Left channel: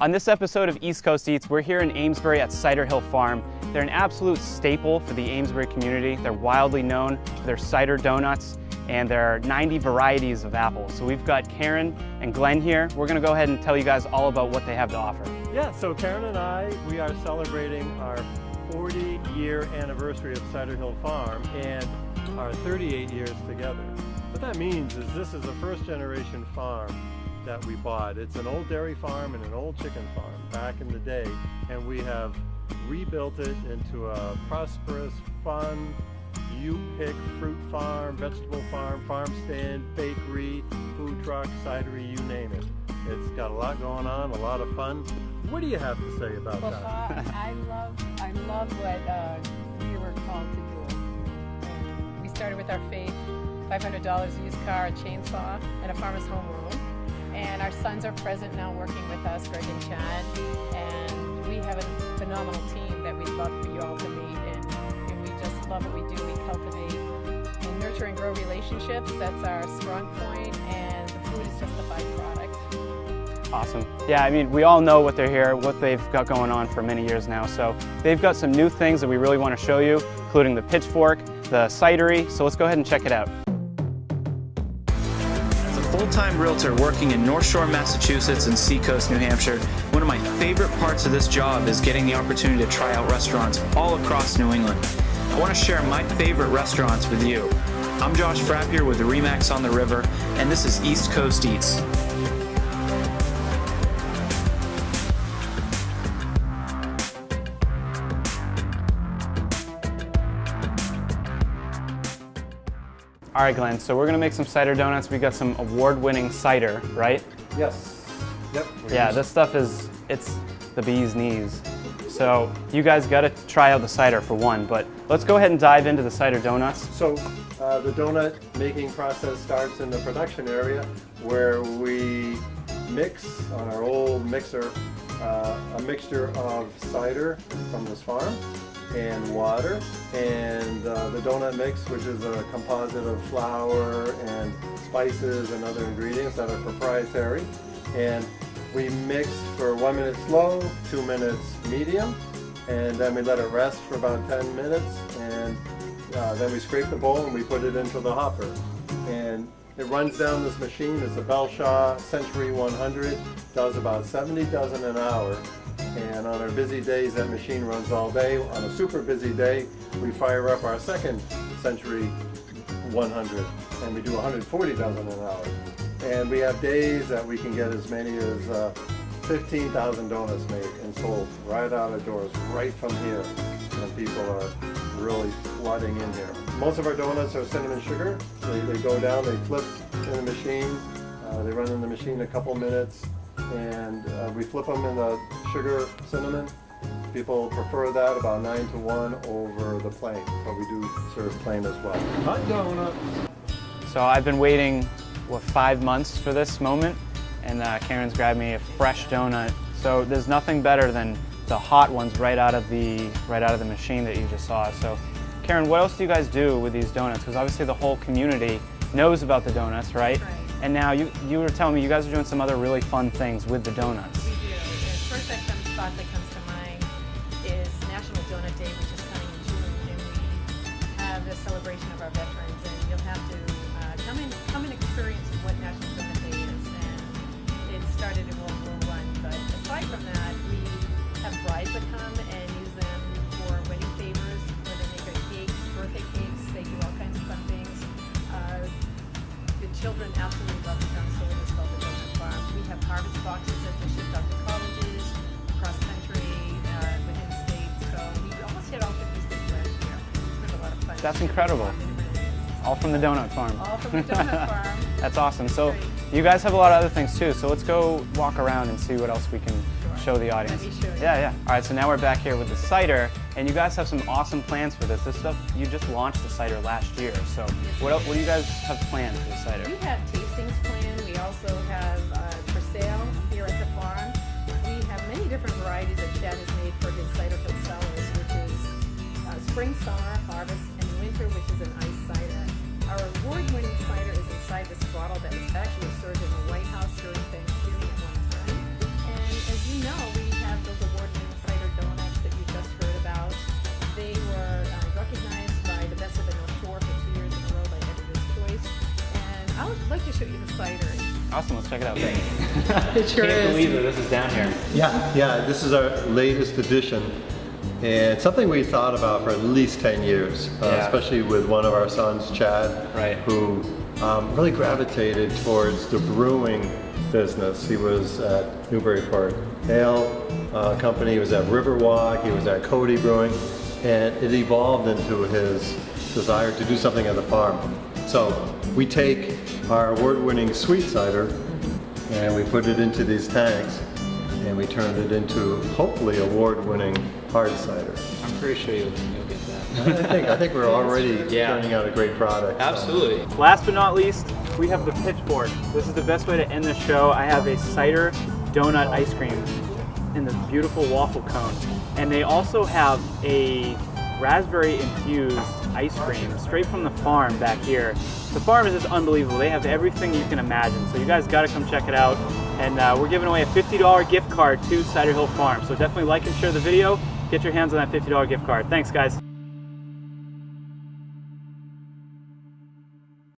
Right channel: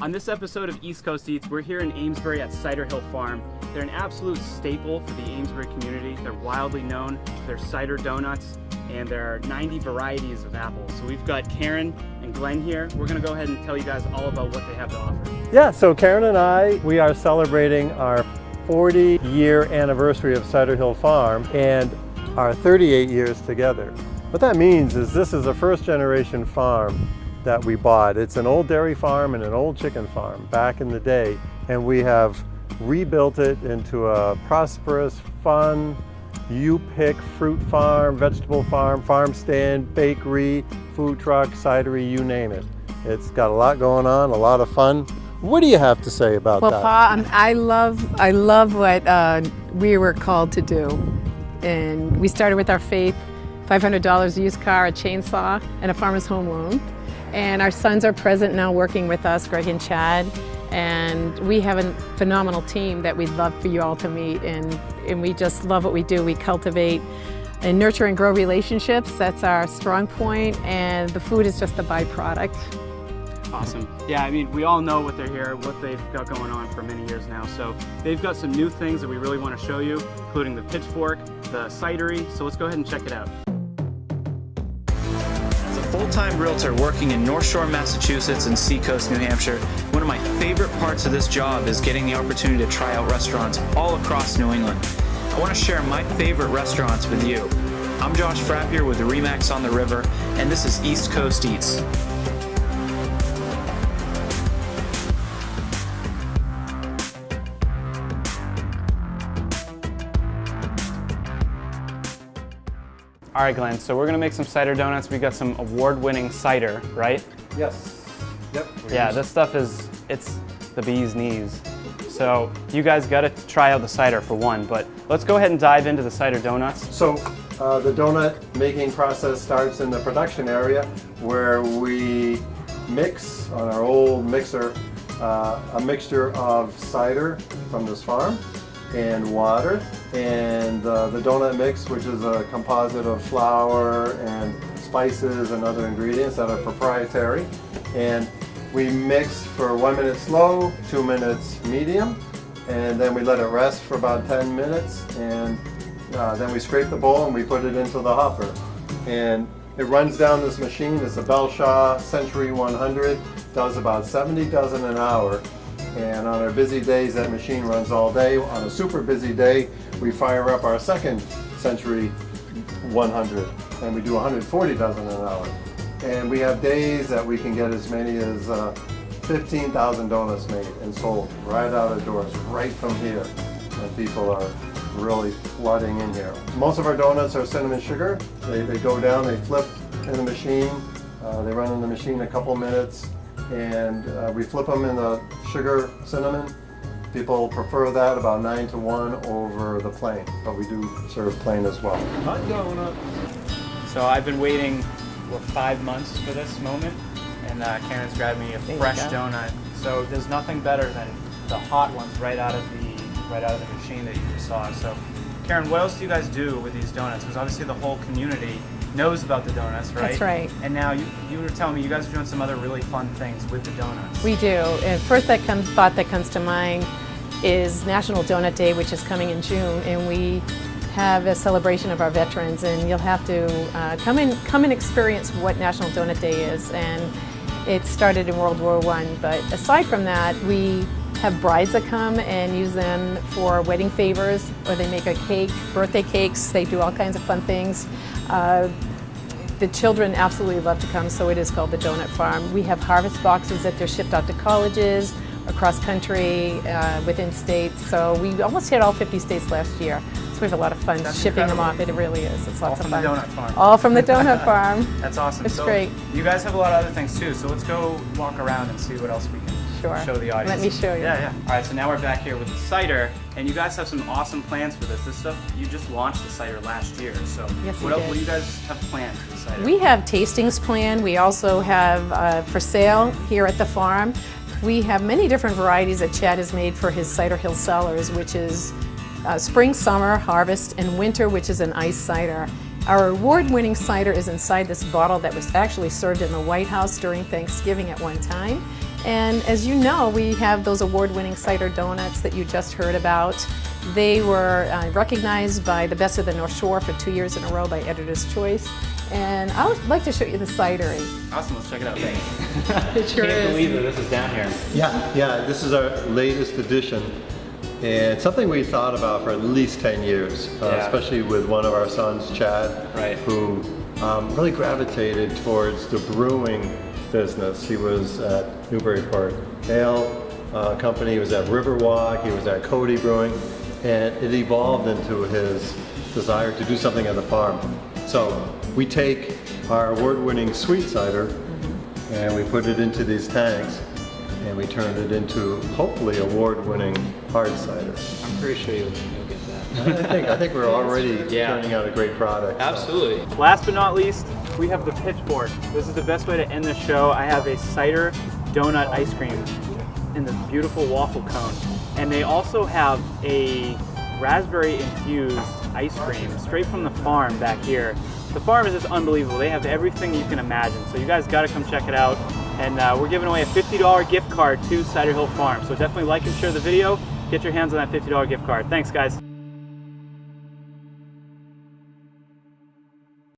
On this episode of East Coast Eats, we're here in Amesbury at Cider Hill Farm. They're an absolute staple for the Amesbury community. They're wildly known for their cider donuts, and there are 90 varieties of apples. So we've got Karen and Glenn here. We're gonna go ahead and tell you guys all about what they have to offer. Yeah, so Karen and I, we are celebrating our 40-year anniversary of Cider Hill Farm and our 38 years together. What that means is this is a first-generation farm that we bought. It's an old dairy farm and an old chicken farm back in the day, and we have rebuilt it into a prosperous, fun, you-pick fruit farm, vegetable farm, farm stand, bakery, food truck, cidery, you name it. It's got a lot going on, a lot of fun. What do you have to say about that? Well, Pa, I love what we were called to do. And we started with our faith, $500 a used car, a chainsaw, and a farmer's home loan. And our sons are present now working with us, Greg and Chad. And we have a phenomenal team that we'd love for you all to meet. And we just love what we do. We cultivate and nurture and grow relationships. That's our strong point. And the food is just a byproduct. Awesome. Yeah, I mean, we all know what they're here, what they've got going on for many years now. So they've got some new things that we really want to show you, including the Pitchfork, the cidery. So let's go ahead and check it out. As a full-time realtor working in North Shore, Massachusetts and Seacoast, New Hampshire, one of my favorite parts of this job is getting the opportunity to try out restaurants all across New England. I want to share my favorite restaurants with you. I'm Josh Frappier with the Remax on the River, and this is East Coast Eats. All right, Glenn, so we're gonna make some cider donuts. We got some award-winning cider, right? Yes. Yep. Yeah, this stuff it's the bee's knees. So you guys gotta try out the cider for one, but let's go ahead and dive into the cider donuts. So the donut making process starts in the production area where we mix on our old mixer a mixture of cider from this farm and water, and the donut mix, which is a composite of flour and spices and other ingredients that are proprietary. And we mix for 1 minute slow, 2 minutes medium, and then we let it rest for about 10 minutes, and then we scrape the bowl and we put it into the hopper. And it runs down this machine. It's a Belshaw Century 100, does about 70 dozen an hour. And on our busy days, that machine runs all day. On a super busy day, we fire up our second Century 100, and we do 140 dozen an hour. And we have days that we can get as many as 15,000 donuts made and sold right out of doors, right from here. And people are really flooding in here. Most of our donuts are cinnamon sugar. They go down, they flip in the machine. They run in the machine a couple minutes, and we flip them in the sugar cinnamon. People prefer that about 9 to 1 over the plain, but we do serve plain as well. Hot donut. So I've been waiting, 5 months for this moment, and Karen's grabbed me a fresh donut. So there's nothing better than the hot ones right out of the machine that you just saw. So Karen, what else do you guys do with these donuts? Because obviously the whole community knows about the donuts, right? That's right. And now you were telling me you guys are doing some other really fun things with the donuts. We do. And first thought that comes to mind is National Donut Day, which is coming in June, and we have a celebration of our veterans, and you'll have to come and experience what National Donut Day is. And it started in World War I, but aside from that, we have brides that come and use them for wedding favors, or they make a cake, birthday cakes, they do all kinds of fun things. The children absolutely love to come, so it is called the Donut Farm. We have harvest boxes that they're shipped out to colleges, across country, within states. So we almost hit all 50 states last year. So we have a lot of fun shipping them off. It really is. It's lots of fun. All from the Donut Farm. All from the Donut Farm. That's awesome. It's so great. You guys have a lot of other things too. So let's go walk around and see what else we can show the audience. Let me show you. Yeah. All right, so now we're back here with the cider, and you guys have some awesome plans for this. This stuff, you just launched the cider last year. So what else? What do you guys have planned for the cider? We have tastings planned. We also have for sale here at the farm. We have many different varieties that Chad has made for his Cider Hill Cellars, which is spring, summer, harvest, and winter, which is an iced cider. Our award-winning cider is inside this bottle that was actually served in the White House during Thanksgiving at one time. And as you know, we have those award-winning cider donuts that you just heard about. They were recognized by the Best of the North Shore for 2 years in a row by Editor's Choice. And I would like to show you the cider. Awesome, let's check it out. It sure Can't is. believe that this is down here. Yeah, this is our latest edition, and something we thought about for at least 10 years, especially with one of our sons, Chad, who really gravitated towards the brewing business. He was at Newburyport Ale Company, he was at Riverwalk, he was at Cody Brewing, and it evolved into his desire to do something at the farm. So we take our award-winning sweet cider and we put it into these tanks, and we turned it into hopefully award-winning hard cider. I'm pretty sure you'll get that. I think we're already turning out a great product. Absolutely. Last but not least, we have the Pitchfork. This is the best way to end the show. I have a cider donut ice cream in this beautiful waffle cone. And they also have a raspberry infused ice cream straight from the farm back here. The farm is just unbelievable. They have everything you can imagine. So you guys got to come check it out. And we're giving away a $50 gift card to Cider Hill Farm. So definitely like and share the video. Get your hands on that $50 gift card. Thanks, guys.